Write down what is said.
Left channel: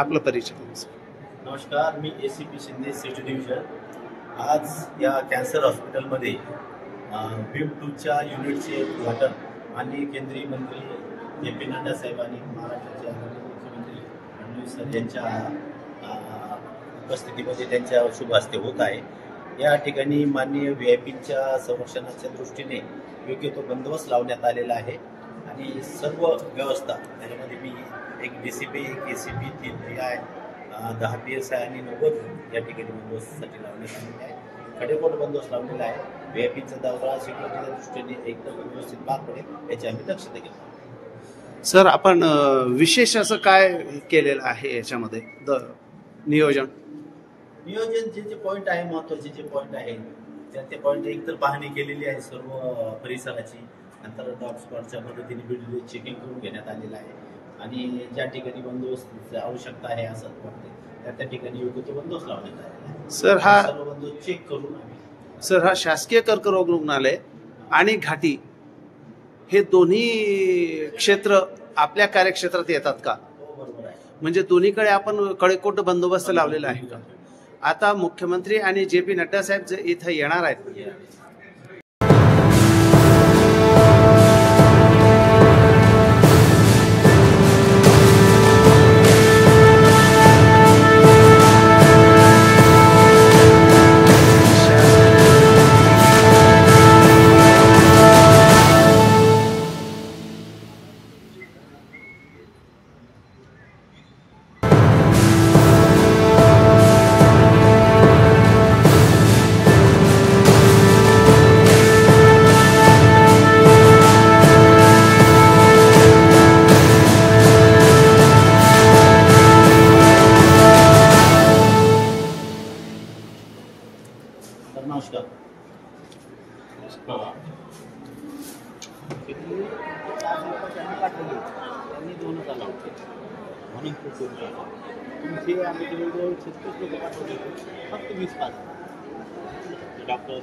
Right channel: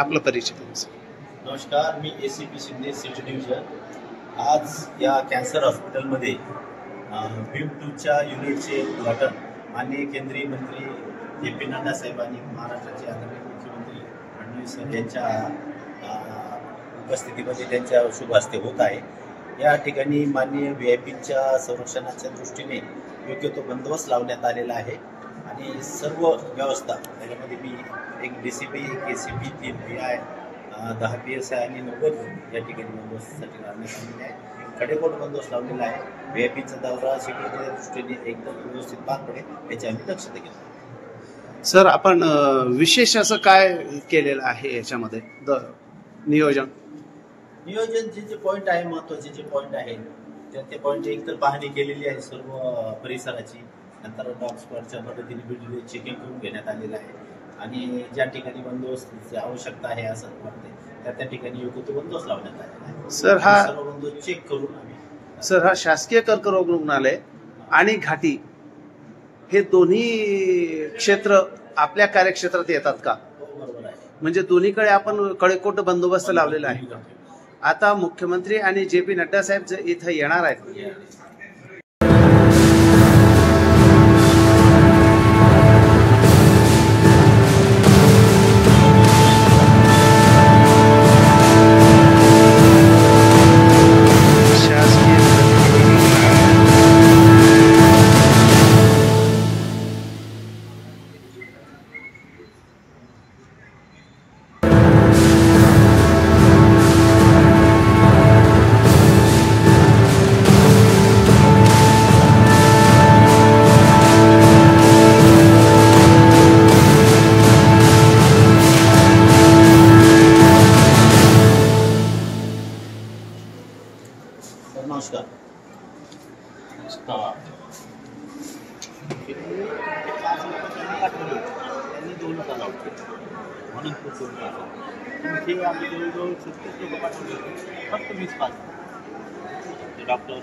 आपला परिचय द्या, सर. नमस्कार, मी ACP शिंदे सिटी डिव्हिजन. आज या कॅन्सर हॉस्पिटलमध्ये बीम 2च्या युनिटचे उद्घाटन माननीय केंद्रीय मंत्री JP नड्डा साहेबांनी, महाराष्ट्राचे आदरणीय मुख्यमंत्री फडणवीस सर यांच्या उपस्थितीमध्ये त्यांच्या शुभ हस्ते होत आहे. या ठिकाणी माननीय VIPच्या संरक्षणाच्या दृष्टीने योग्य तो बंदोबस्त लावण्यात आलेला आहे आणि सर्व व्यवस्था त्याच्यामध्ये मी एक DCP, एक ACP, 3 PI, 10 PSI आणि 90 या ठिकाणी बंदोबस्तासाठी लावण्यात आलेले आहे. कडेकोट बंदोबस्त लावलेला आहे. VIPचा दौरा सिक्युरिटीच्या दृष्टीने एकदम व्यवस्थित पार पडेल याची आम्ही दक्षता घेतो. सर, आपण विशेष असं काय केलेलं आहे याच्यामध्ये नियोजन जे पॉईंट आहे, महत्त्वाचे जे पॉईंट आहेत ते पॉईंट एकतर पाहणी केलेली आहे सर्व परिसराची. नंतर डॉग स्पॉटच्या मदतीने व्हिडिओ चेकिंग करून घेण्यात आलेलं आहे आणि ज्या ठिकाणी बंदोबस्ताची आवश्यकता आहे असं वाटते त्या ठिकाणी योग्य तो बंदोबस्त लावण्यात आलेला आहे. सर, हा सर्व बंदोबस्त चेक करून आम्ही हा शासकीय कर्करोग रुग्णालय आणि घाटी हे दोन्ही क्षेत्र आपल्या कार्यक्षेत्रात येतात का? बरोबर आहे. म्हणजे दोन्हीकडे आपण कडेकोट बंदोबस्त लावलेला आहे का? आता मुख्यमंत्री आणि JP नड्डा साहेब जे इथं येणार आहेत, नमस्कार. त्यांनी 2 लावते म्हणून तो करून पाठवतो. तुम्ही आम्ही जवळजवळ 36 लोक पाठवले होते, फक्त 20 पास डॉक्टर